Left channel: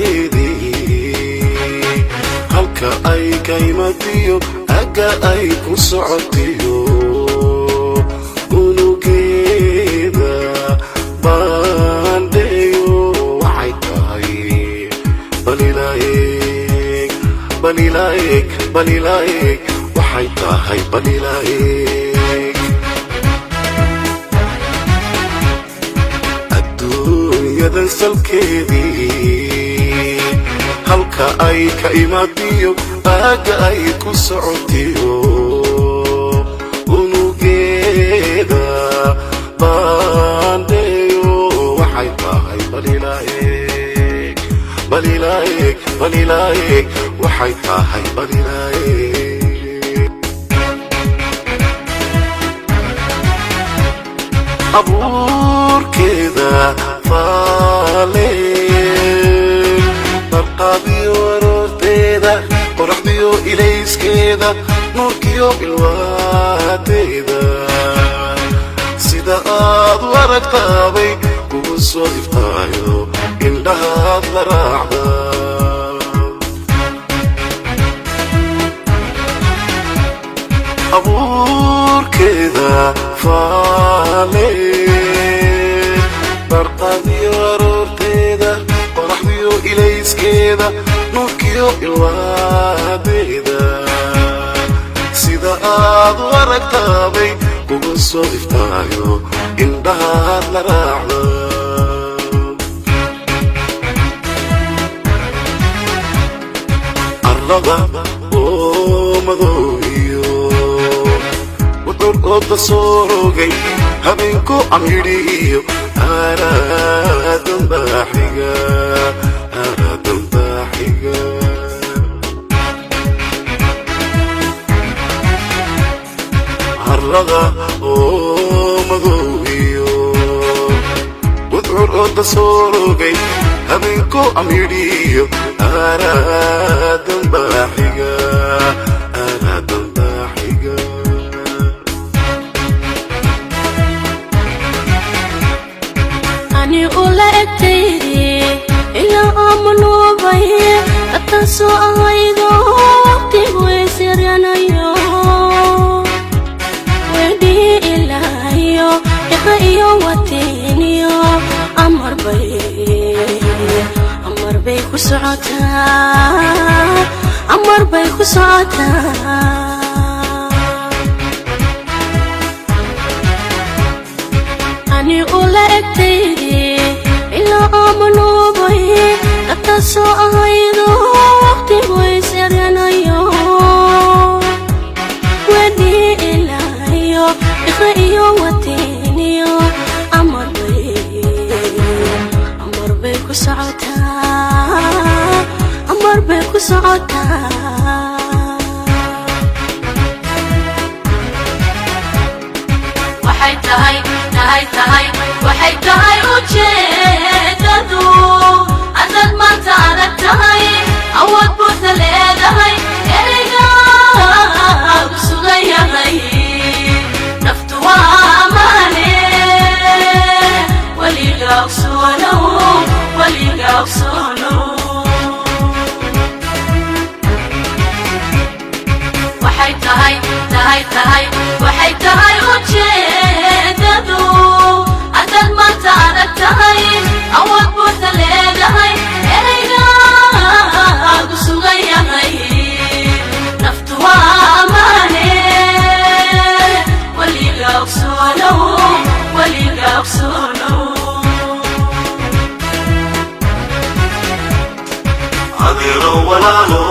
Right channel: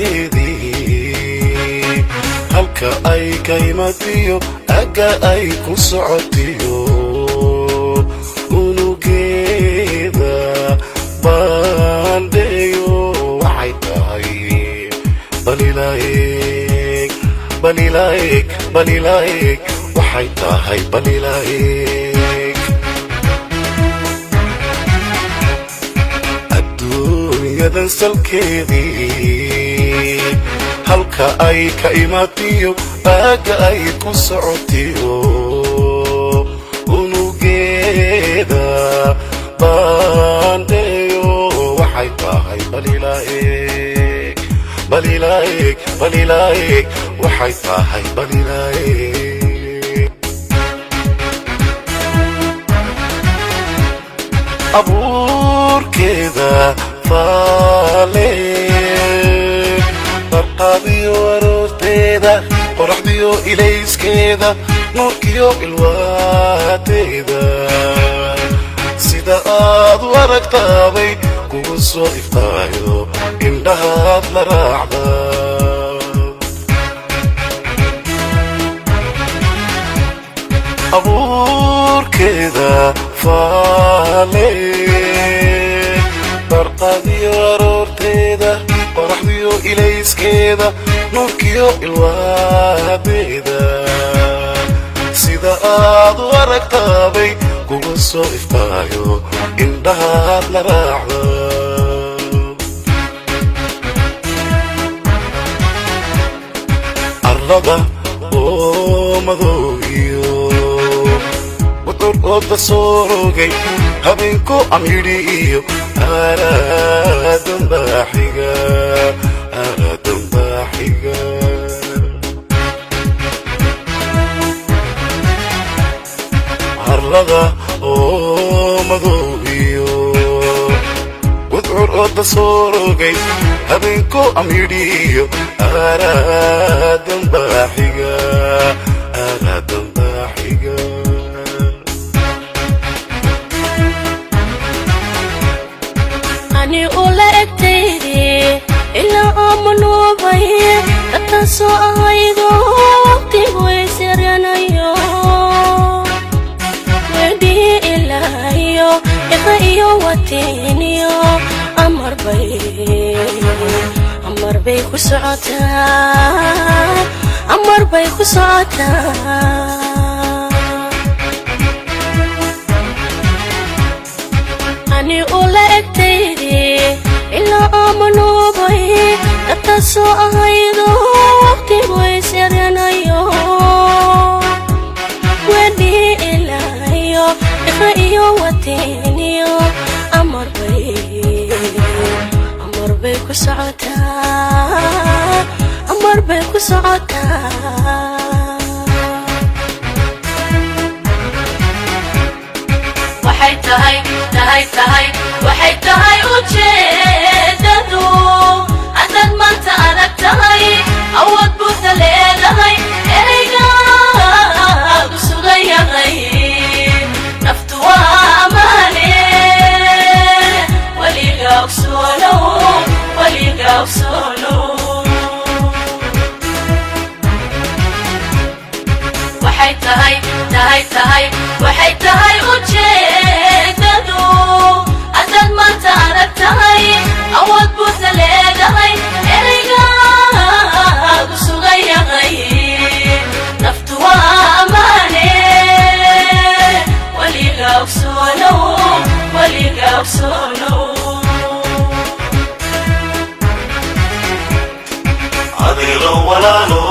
salkeedii halka ay ka imatiyo aga ay ku socotiyo unugeeda baandeeyo waxay tahay balilaayeg balilaayeg balilaayeg waxay tahay balilaayeg adduunyadan salkeedii halka ay ka imatiyo aga ay ku socotiyo unugeeda baandeeyo waxay tahay balilaayeg balilaayeg balilaayeg waxay tahay balilaayeg abuurkeeda faale barqadiyo aroorteeda qoraxdiyo ilayskeeda nuurkiyo ilwaadeeda sida aad u aragtaabay kugu soo iftaayo indhahaad la raacda abuurkeeda faale barqadiyo aroorteeda qoraxdiyo ilayskeeda nuurkiyo ilwaadeeda sida aad u aragtaabay kugu soo iftaayo indhahaad la raacda arlada oo madoogiyo wadur ooda soo rogay habeenku amidhi iyo aaraadan baaxiga arlada oo madoogiyo wadur ooda soo rogay habeenku amidhi iyo aaraadan baaxiga so aydo ti way siranayo wedi ilayo iyo watiniyo amar bay ku socota ani ula egtaydi ila amanu bay so aydo waxay tahay ujeedadu haddaad maanta adag tahay awood buuda leedahay ereygaadu sugan yahay naftu waa amaane weliga ogsoonow waxay tahay ujeedadu haddaad maanta adag tahay awood buuda leedahay ereygaadu sugan yahay naftu waa amaane weliga ogsoonow adeero walaalo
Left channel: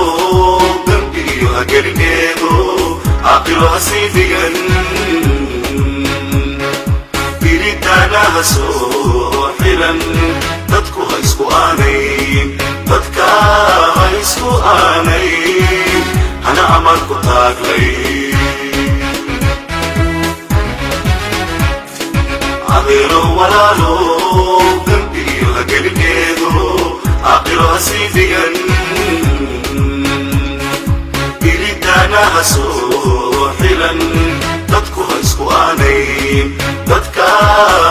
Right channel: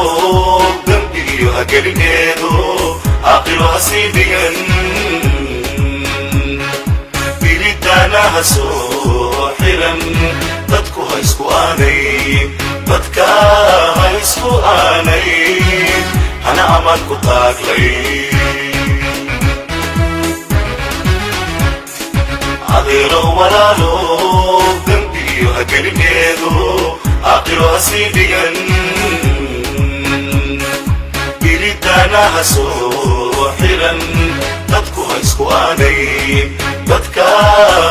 dambiyo hagelgeedo aqilo hasiidigan biridanaha soo xiran dadku ha isku aanayn dadka ha isku aanayn hana amaan ku taaglay adeero walaalo dambiyo hagelgeedo aqilo hasiidigan biridanaha soo xiran dadku ha isku aanayn dadka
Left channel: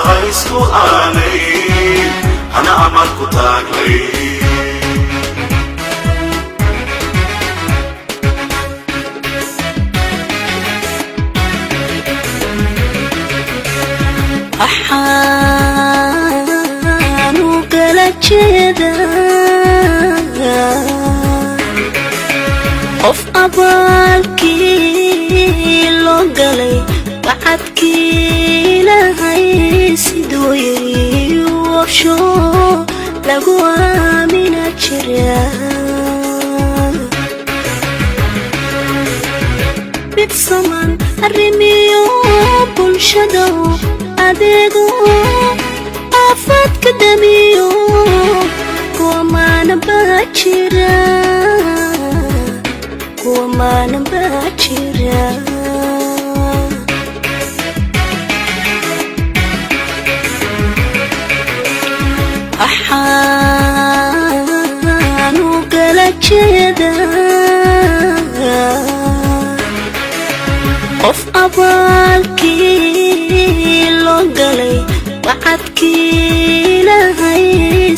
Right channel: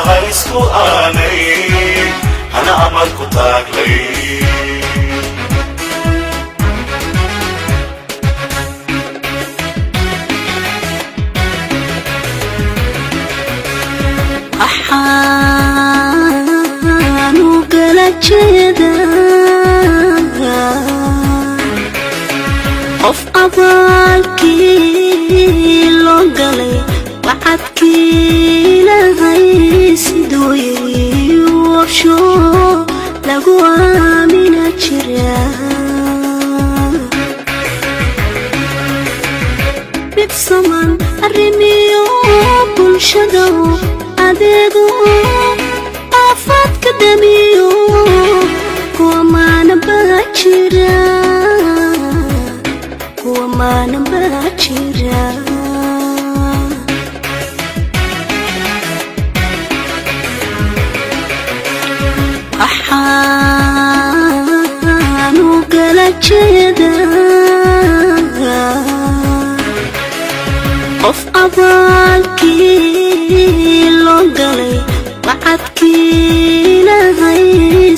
ha isku aanayn lagu aamina jira bibsaman arrimiyo bulshada adeego afaadka damiyo kuwa maana baa jira qof abaalkii loo galay wacadkii lahay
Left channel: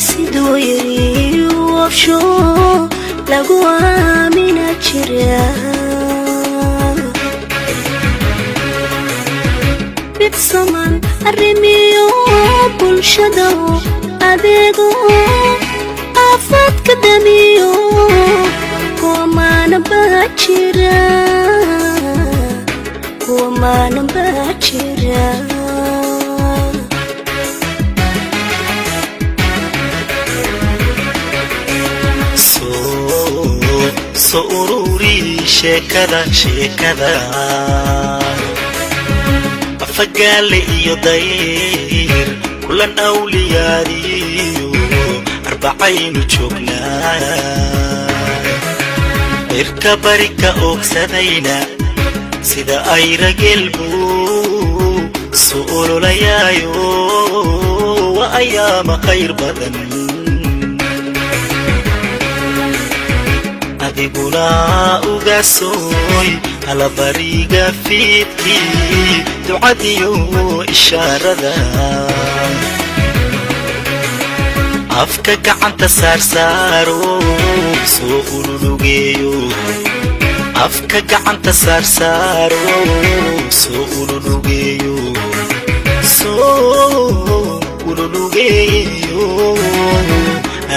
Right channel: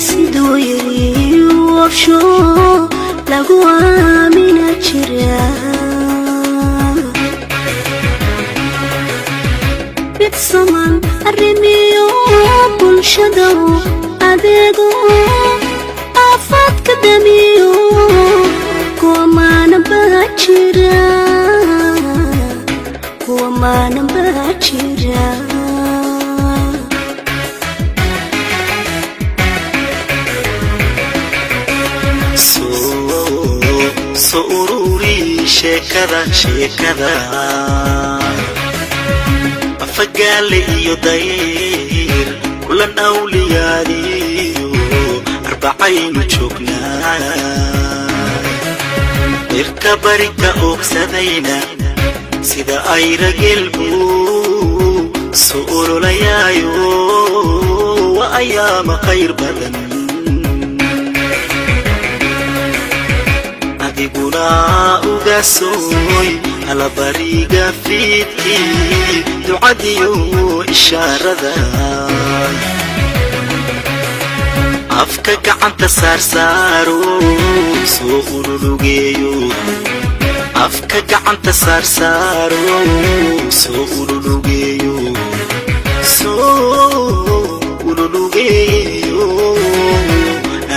siduu yiri warsho lagu aamina jira bibsaman arrimiyo bulshada adeego afaadka damiyo kuwa maana baa jira soo ururi sheekada afagaale iyo dayr kulan awliyaadiyo arbacaynu joognaa irka barika oogsadayna sida ay ragelbu soo ololayaayo wa ayaama khayr badan adiguna ugaasooy alabariga fiidkii ducadiyo ishaarada afka gacanta saarsaaro soo ururugeeyo afka gacanta saarsaaro soo ururugeeyo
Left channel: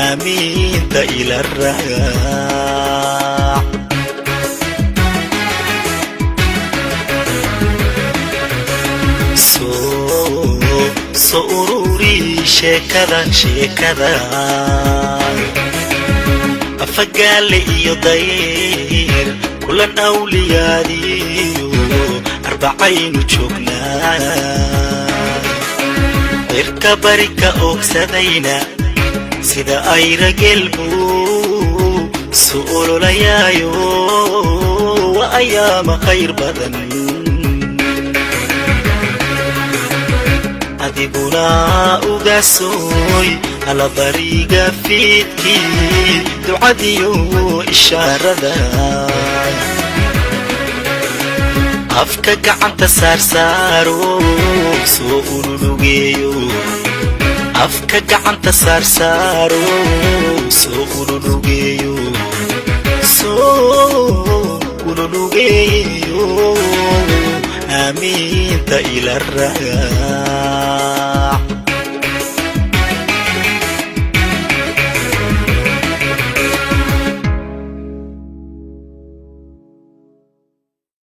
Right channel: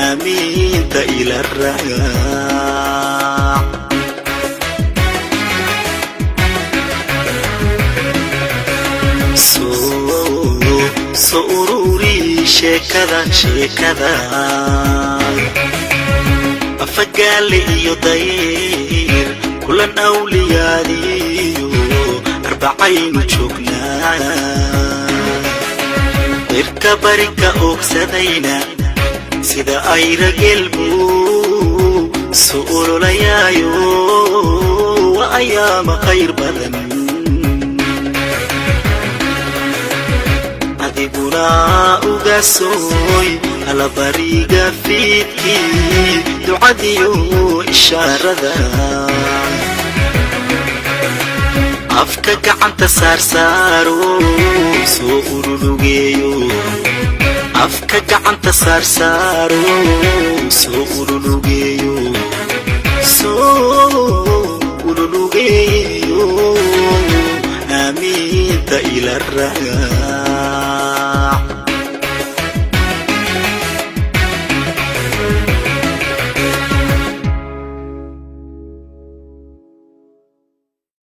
aamiinta ila raac soo ururi sheekada afagaale iyo dayr kulan awliyaadiyo arbacaynu joognaa irka barika oogsadayna sida ay ragelbu soo ololayaayo wa ayaama khayr badan adiguna ugaasooy alabariga fiidkii ducadiyo ishaarada afka gacanta saarsaaro soo ururugeeyo afka gacanta saarsaaro soo ururugeeyo